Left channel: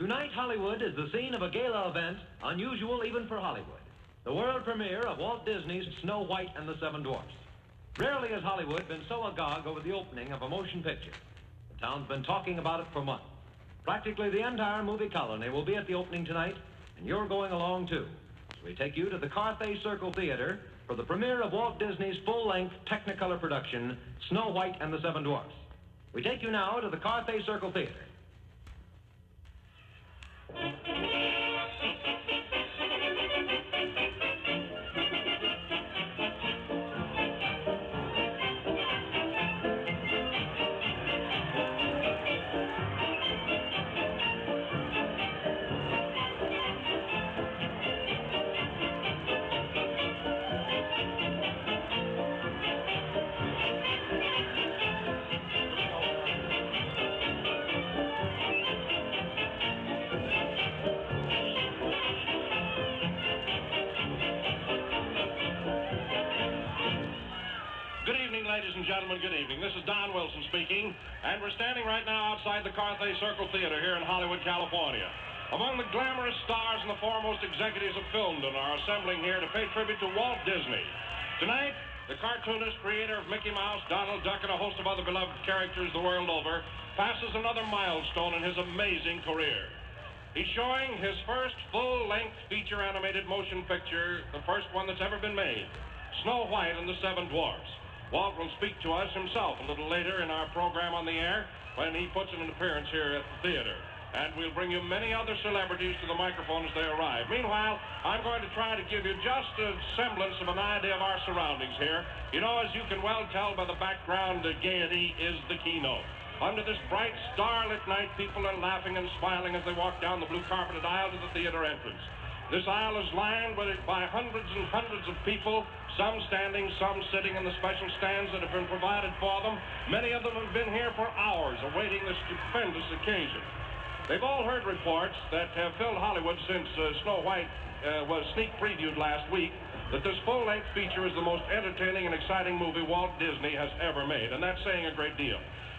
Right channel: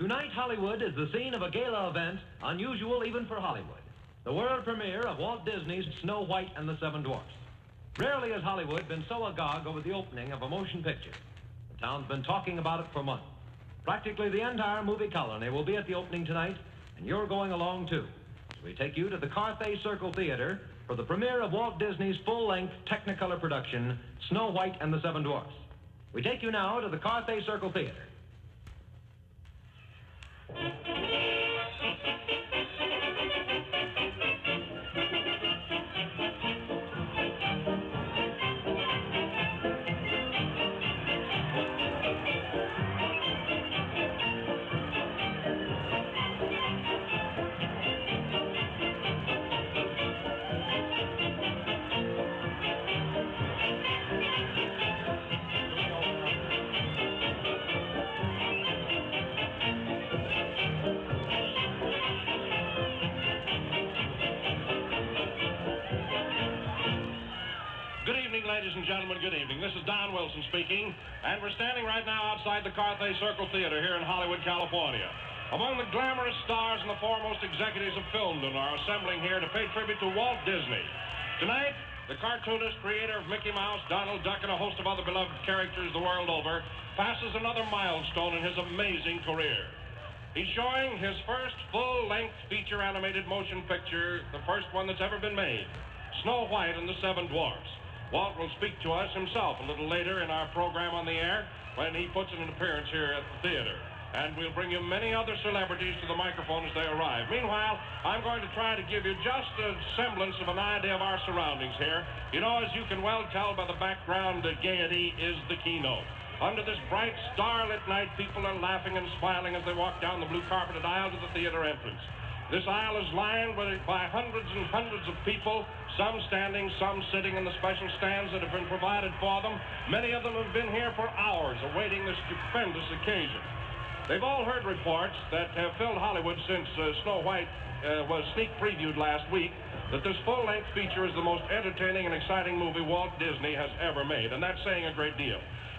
Tonight, Hollywood is the scene of a gala event unusual even for Hollywood. The world premiere of Walt Disney's Snow White and the Seven Dwarfs. Rarely has Hollywood been so agog over the opening of a motion picture. The town's been talking about it for months. Practically the entire movie colony will be at the opening tonight, and you're going along too. So we take you to the Carthay Circle Theater for the premiere of Walt Disney's full-length Technicolor production, Snow White and the Seven Dwarfs. We take you now to the Carthay Circle Theater. Ladies and gentlemen, good evening. This is Don Wilson speaking, and we're standing right now outside the Carthay Circle Theater here in Hollywood, California. Among the glamorous stars and the foremost executives of filmdom are assembling here to pay tribute to Walt Disney. Tonight, the cartoonist, creator of Mickey Mouse, Donald Duck, and a host of other beloved characters the world over, passes another milestone in his amazing career. He's showing his first full-length feature animated motion picture, the first one that's ever been made, Snow White and the Seven Dwarfs. Walt will speak to us himself a little later in our program on the air when he puts in an appearance here at the theater. And we'll bring you many other celebrities to the microphone as they arrive. Meanwhile, I'm going to try to give you just a semblance of an idea of our surroundings here. You know, as you can well tell by the background, gaiety is the keynote. Under this bright, starlit night, people are laughing and smiling as they walk down the blue carpeted aisle to the theater entrance. This aisle is lined by hundreds and hundreds of people, some standing, some sitting in the special stands that have been provided for them. Many of them have been here for hours awaiting this stupendous occasion. They've all heard reports that have filled Hollywood since Snow White was sneak previewed last week, that this full-length feature is the most entertaining and exciting movie Walt Disney has ever made, and that's saying a great deal.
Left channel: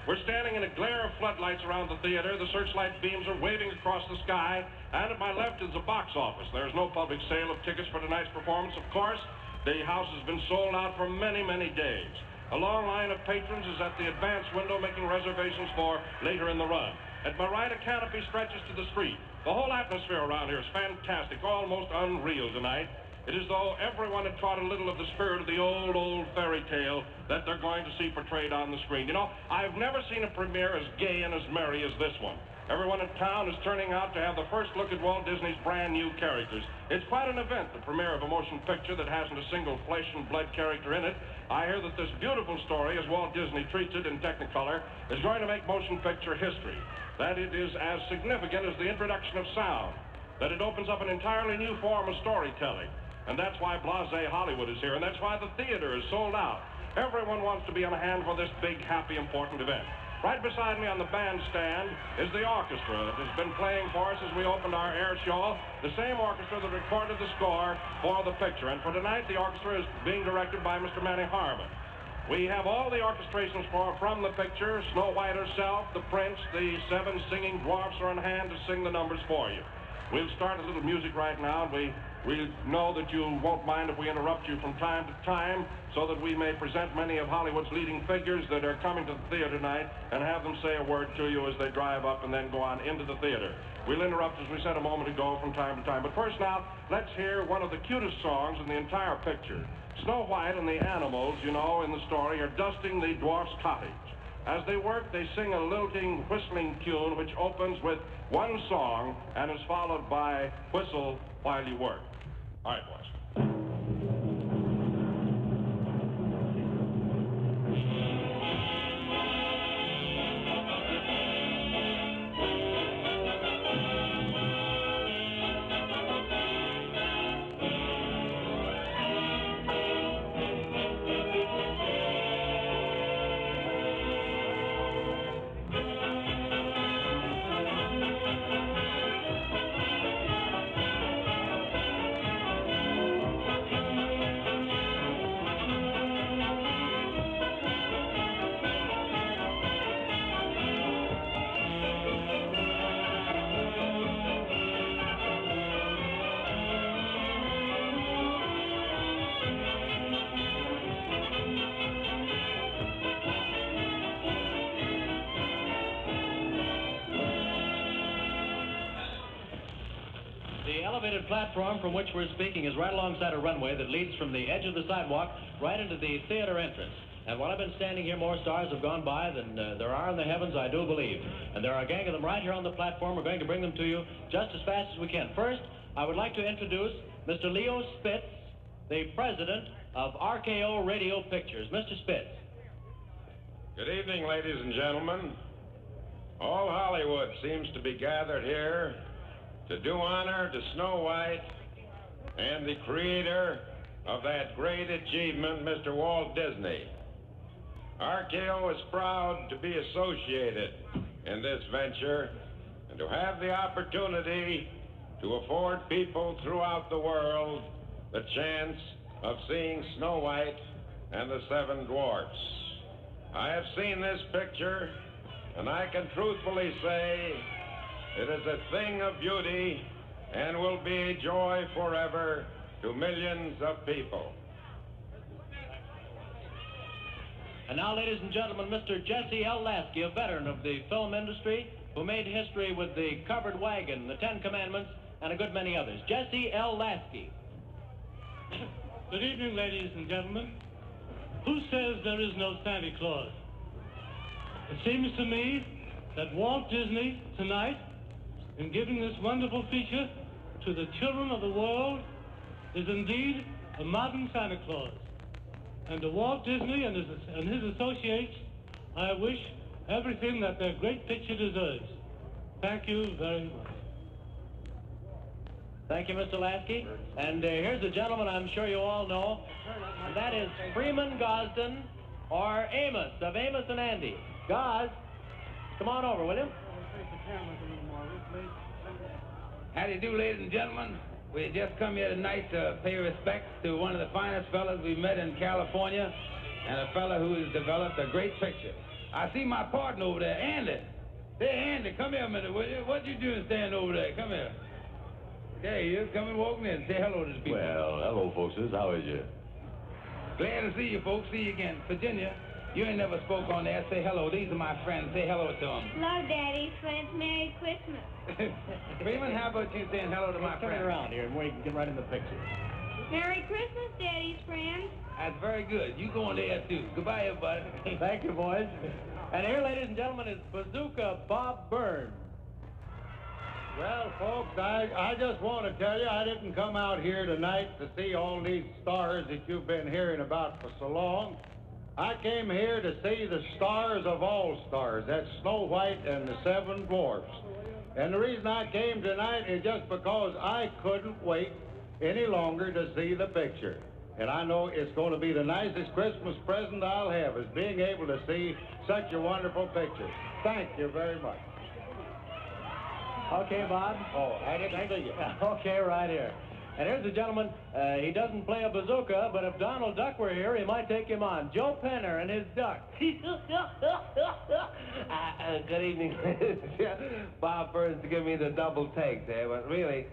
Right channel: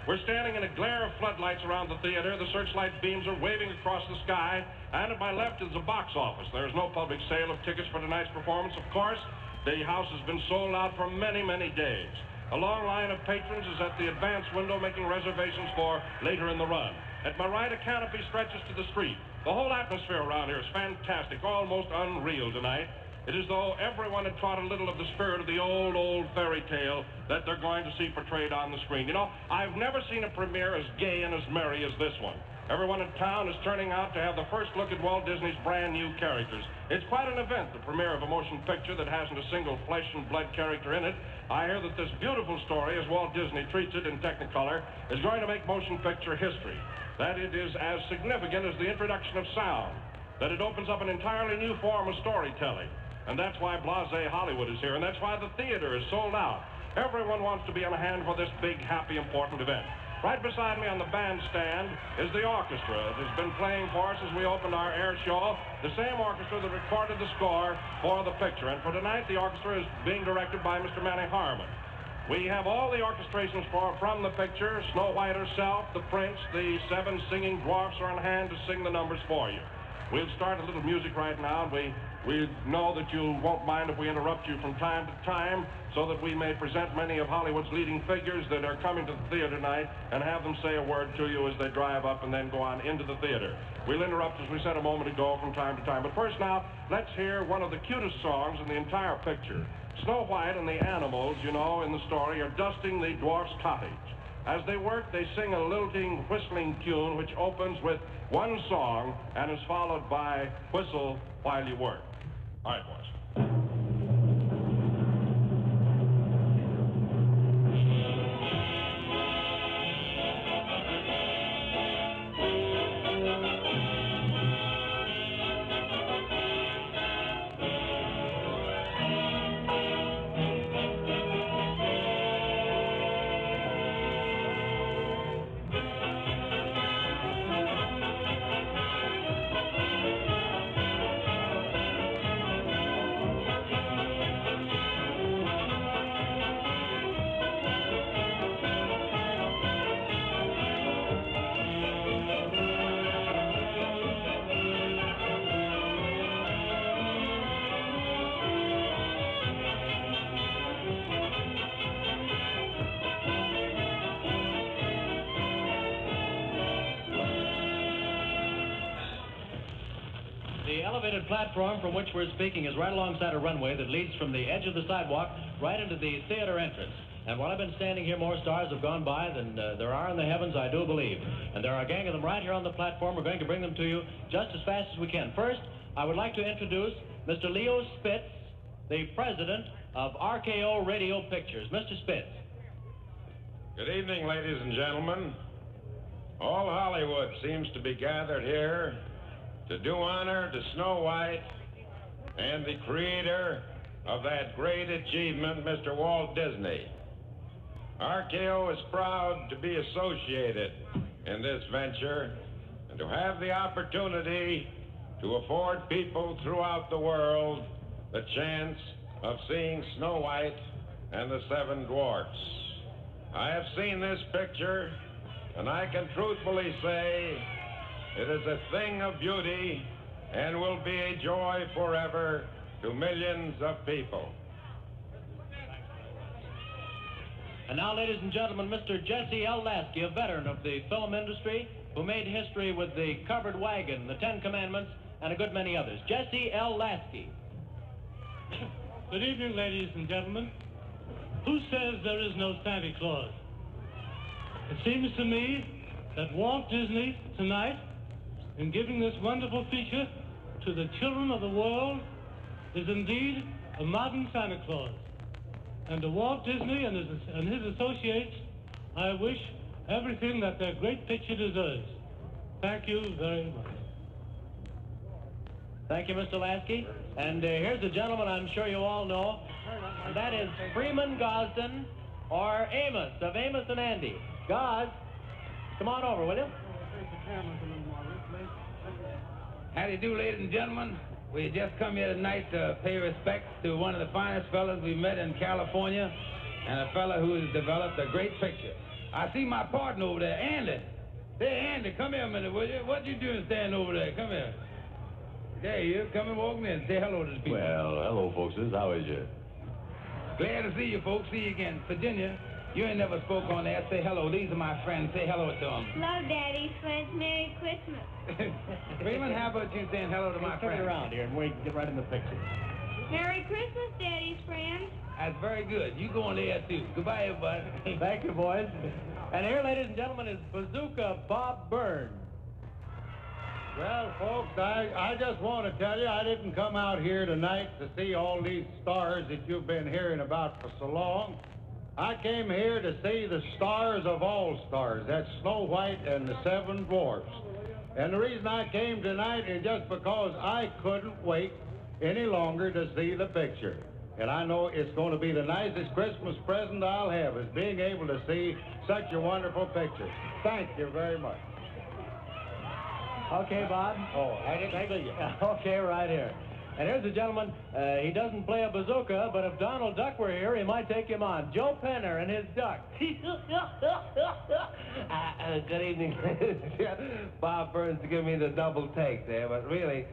We're standing in a glare of floodlights around the theater. The searchlight beams are waving across the sky, and at my left is the box office. There's no public sale of tickets for tonight's performance, of course. The house has been sold out for many, many days. A long line of patrons is at the advance window making reservations for later in the run. At my right, a canopy stretches to the street. The whole atmosphere around here is fantastic, almost unreal tonight. It is as though everyone had caught a little of the spirit of the old fairy tale that they're going to see portrayed on the screen. You know, I've never seen a premiere as gay and as merry as this one. Everyone in town is turning out to have the first look at Walt Disney's brand new characters. It's quite an event, the premiere of a motion picture that hasn't a single flesh and blood character in it. I hear that this beautiful story, as Walt Disney treats it in Technicolor, is going to make motion picture history. That it is as significant as the introduction of sound. That it opens up an entirely new form of storytelling. And that's why blasé Hollywood is here, and that's why the theater is sold out. Everyone wants to be on hand for this big, happy, important event. Right beside me on the bandstand is the orchestra that has been playing for us as we opened our air show, the same orchestra that recorded the score for the picture. And for tonight, the orchestra is being directed by Mr. Manny Harmon. We have all the orchestrations from the picture. Snow White herself, the Prince, the 7 singing dwarfs are on hand to sing the numbers for you. We'll start a little music right now. We know that you won't mind if we interrupt you from time to time so that we may present many of Hollywood's leading figures that are coming to the theater tonight and have them say a word to you as they drive up and then go on into the theater. We'll interrupt, as we said a moment ago, from time to time. But first now, let's hear one of the cutest songs in the entire picture. Snow White and the animals, you know, in the story, are dusting the dwarf's cottage. As they work, they sing a lilting, whistling tune which opens with one song and is followed by Whistle While You Work. All right, boys. The elevated platform from which we're speaking is right alongside a runway that leads from the edge of the sidewalk right into the theater entrance. And while I've been standing here, more stars have gone by than there are in the heavens, I do believe. And there are a gang of them right here on the platform. We're going to bring them to you just as fast as we can. First, I would like to introduce Mr. Leo Spitz, the president of RKO Radio Pictures. Mr. Spitz. Good evening, ladies and gentlemen. All Hollywood seems to be gathered here to do honor to Snow White and the creator of that great achievement, Mr. Walt Disney. RKO is proud to be associated in this venture and to have the opportunity to afford people throughout the world the chance of seeing Snow White and the Seven Dwarfs. I have seen this picture, and I can truthfully say it is a thing of beauty and will be a joy forever to millions of people. And now, ladies and gentlemen, Mr. Jesse L. Lasky, a veteran of the film industry, who made history with the Covered Wagon, the Ten Commandments, and a good many others. Jesse L. Lasky. Good evening, ladies and gentlemen. Who says there is no Santa Claus? It seems to me that Walt Disney, tonight, in giving this wonderful feature to the children of the world, is indeed a modern Santa Claus. And to Walt Disney and his associates, I wish everything that their great picture deserves. Thank you very much. Thank you, Mr. Lasky. And here's a gentleman I'm sure you all know, and that is Freeman Gosden, or Amos, of Amos and Andy. Gos, come on over, will you? How do you do, ladies and gentlemen? We just come here tonight to pay respects to one of the finest fellows we met in California, and a fellow who has developed a great picture. I see my partner over there, Andy. Hey, Andy, come here a minute, will you? What you doing standing over there? Come here. There you come and walk in. Say hello to the people. Well, hello, folks. How is you? Glad to see you, folks. See you again. Virginia, you ain't never spoke on there. Say hello. These are my friends. Say hello to them. Hello, Daddy's friends. Merry Christmas. Freeman, how about you saying hello to my Turn friends? it around here and we get right in the picture. Merry Christmas, Daddy's friends. That's very good. You go in there, too. Goodbye, everybody. Thank you, boys. And here, ladies and gentlemen, is Bazooka Bob Byrne. Well, folks, I just want to tell you I didn't come out here tonight to see all these stars that you've been hearing about for so long. I came here to see the stars of all stars. That's Snow White and the Seven Dwarfs. And the reason I came tonight is just because I couldn't wait any longer to see the picture. And I know it's going to be the nicest Christmas present I'll have, is being able to see such a wonderful picture. Thank you very much. Okay, Bob. Oh, I didn't see you. Okay, right here. And here's a gentleman, he doesn't play a bazooka, but if Donald Duck were here, he might take him on. Joe Penner and his duck. Good evening. Bob Burns to give me the double take there, but really,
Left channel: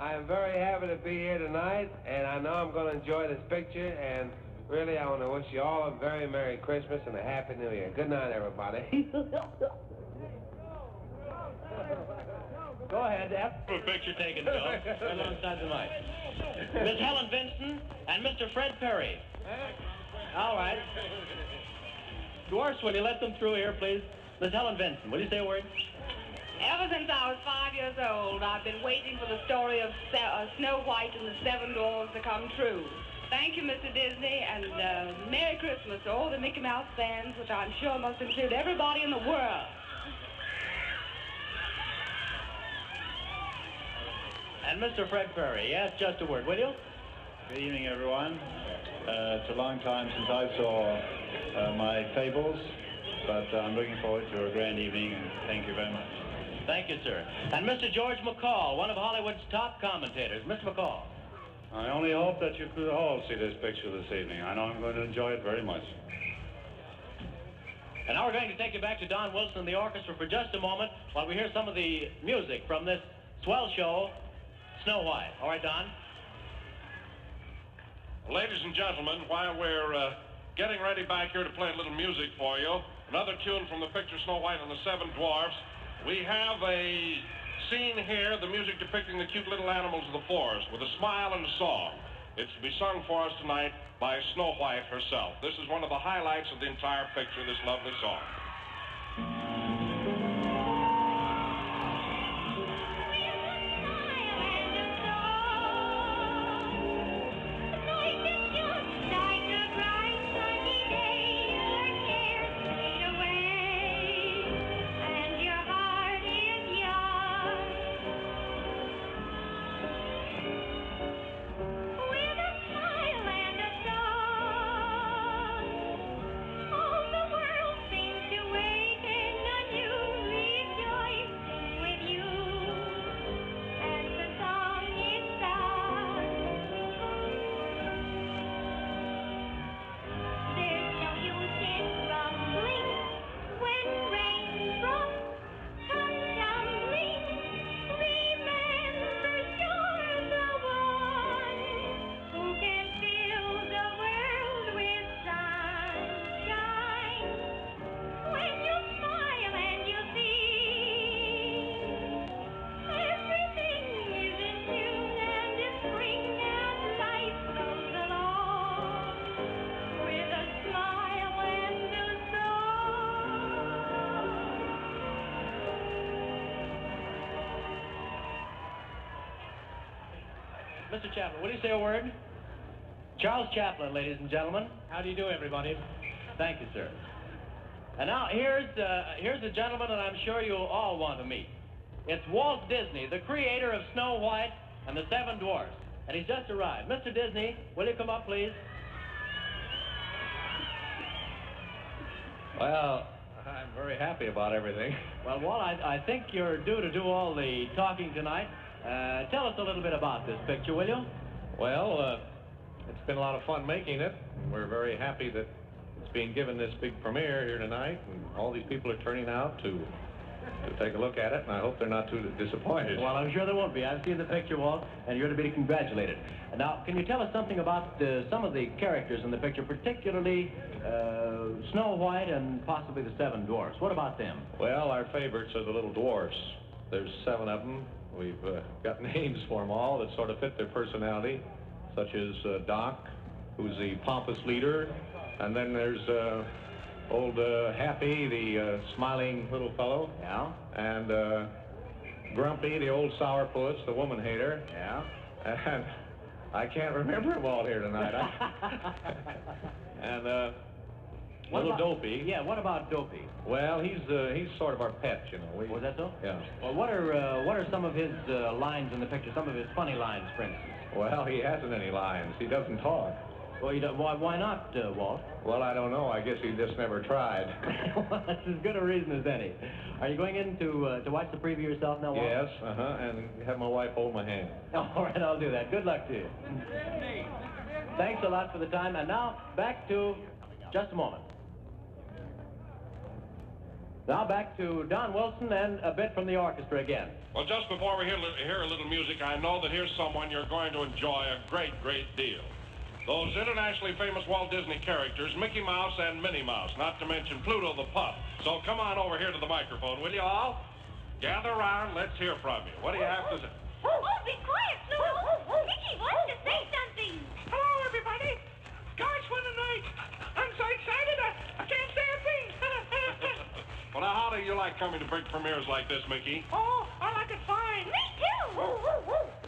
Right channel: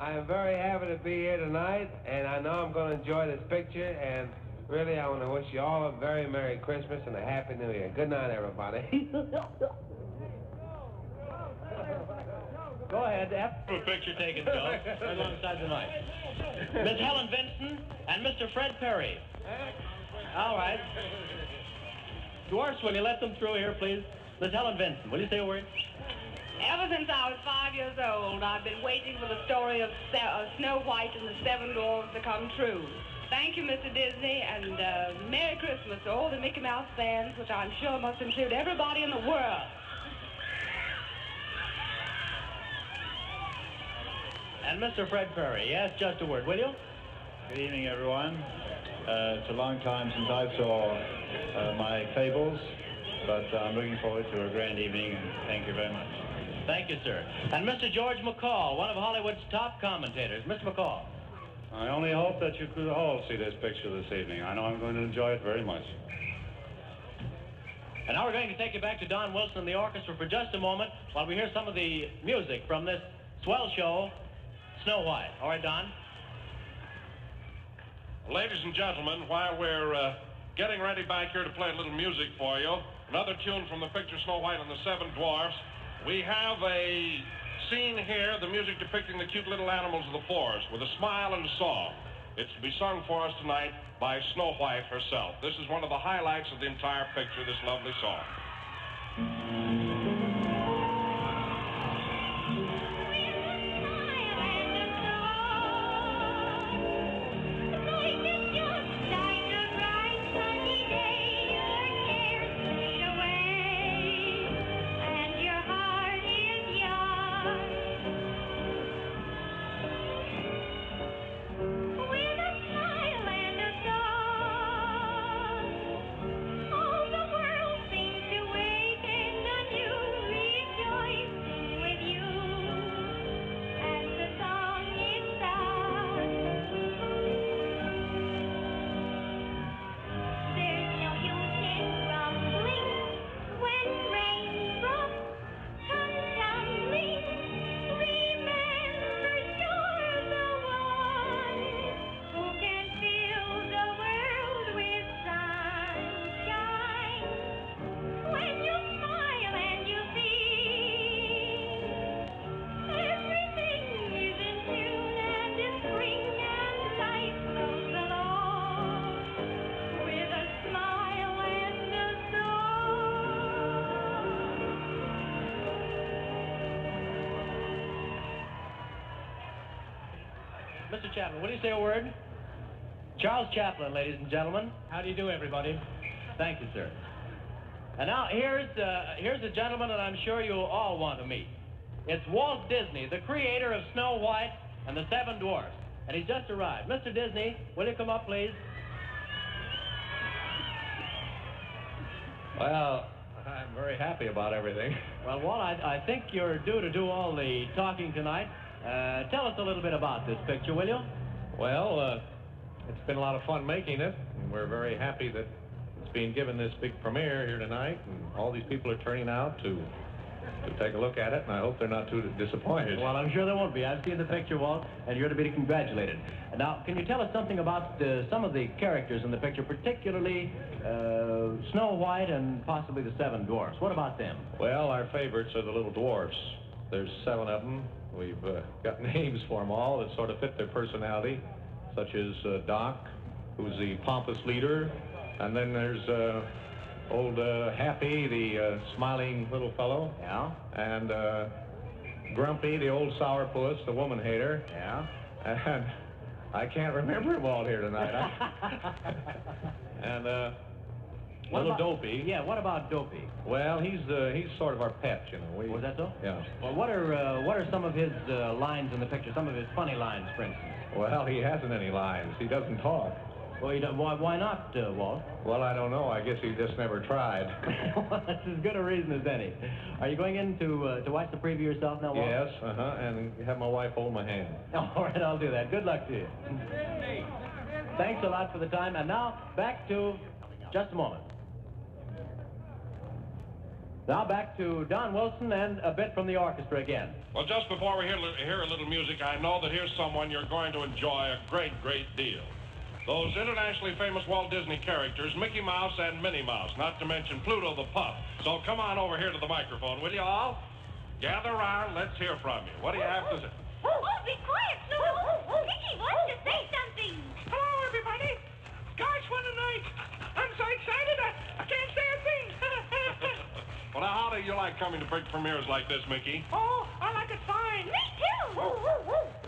I'm very happy to be here tonight, and I know I'm going to enjoy this picture, and really, I want to wish you all a very Merry Christmas and a Happy New Year. Good night, everybody. Go ahead, F. Picture taken, Joe. Right alongside the mic. Miss Helen Vincent and Mr. Fred Perry. All right. Dwarfs, will you let them through here, please? Miss Helen Vincent, will you say a word? Ever since I was 5 years old, I've been waiting for the story of Snow White and the Seven Dwarfs to come true. Thank you, Mr. Disney, and Merry Christmas to all the Mickey Mouse fans, which I'm sure must include everybody in the world. And Mr. Fred Perry, yes, just a word, will you? Good evening, everyone. It's a long time since I saw my fables, but I'm looking forward to a grand evening, and thank you very much. Thank you, sir. And Mr. George McCall, one of Hollywood's top commentators. Mr. McCall. I only hope that you could all see this picture this evening. I know I'm going to enjoy it very much. And now we're going to take you back to Don Wilson and the orchestra for just a moment while we hear some of the music from this swell show, Snow White. All right, Don? Ladies and gentlemen, while we're getting ready back here to play a little music for you, another tune from the picture Snow White and the Seven Dwarfs, we have a scene here, the music depicting the cute little animals of the forest with a smile and a song. It's to be sung for us tonight by Snow White herself. This is one of the highlights of the entire picture, this lovely song. Mr. Chaplin, will you say a word? Charles Chaplin, ladies and gentlemen. How do you do, everybody? Thank you, sir. And now, here's a gentleman that I'm sure you'll all want to meet. It's Walt Disney, the creator of Snow White and the Seven Dwarfs. And he's just arrived. Mr. Disney, will you come up, please? Well, I'm very happy about everything. Well, Walt, I think you're due to do all the talking tonight. Tell us a little bit about this picture, will you? Well, it's been a lot of fun making it, and we're very happy that it's being given this big premiere here tonight, and all these people are turning out to take a look at it, and I hope they're not too disappointed. Well, I'm sure there won't be. I've seen the picture, Walt, and you're to be congratulated. Now, can you tell us something about some of the characters in the picture, particularly Snow White and possibly the Seven Dwarfs? What about them? Well, our favorites are the little dwarfs. There's 7 of them. We've got names for them all that sort of fit their personality, such as Doc, who's the pompous leader, and then there's old Happy, the smiling little fellow. Yeah. And Grumpy, the old sourpuss, the woman hater. Yeah. And I can't remember them all here tonight. And little Dopey. Yeah, what about Dopey? Well, he's sort of our pet, you know. Was that so? Yeah. Well, what are some of his lines in the picture? Some of his funny lines, for instance. Well, he hasn't any lines. He doesn't talk. Well, why not, Walt? Well, I don't know. I guess he just never tried. Well, that's as good a reason as any. Are you going in to watch the preview yourself now, Walt? Yes, and have my wife hold my hand. All right, I'll do that. Good luck to you. Thanks a lot for the time. And now, back to... Just a moment. Now back to Don Wilson and a bit from the orchestra again. Well, just before we hear a little music, I know that here's someone you're going to enjoy a great, great deal. Those internationally famous Walt Disney characters, Mickey Mouse and Minnie Mouse, not to mention Pluto the Pup. So come on over here to the microphone, will you all? Gather around, let's hear from you. What do you have to say? Oh, be quiet, Pluto. Mickey wants to say something. Hello, everybody. Gosh, what a night. I'm so excited, I can't say a thing. Well, now, how do you like coming to big premieres like this, Mickey? Oh, I like it fine. Me too.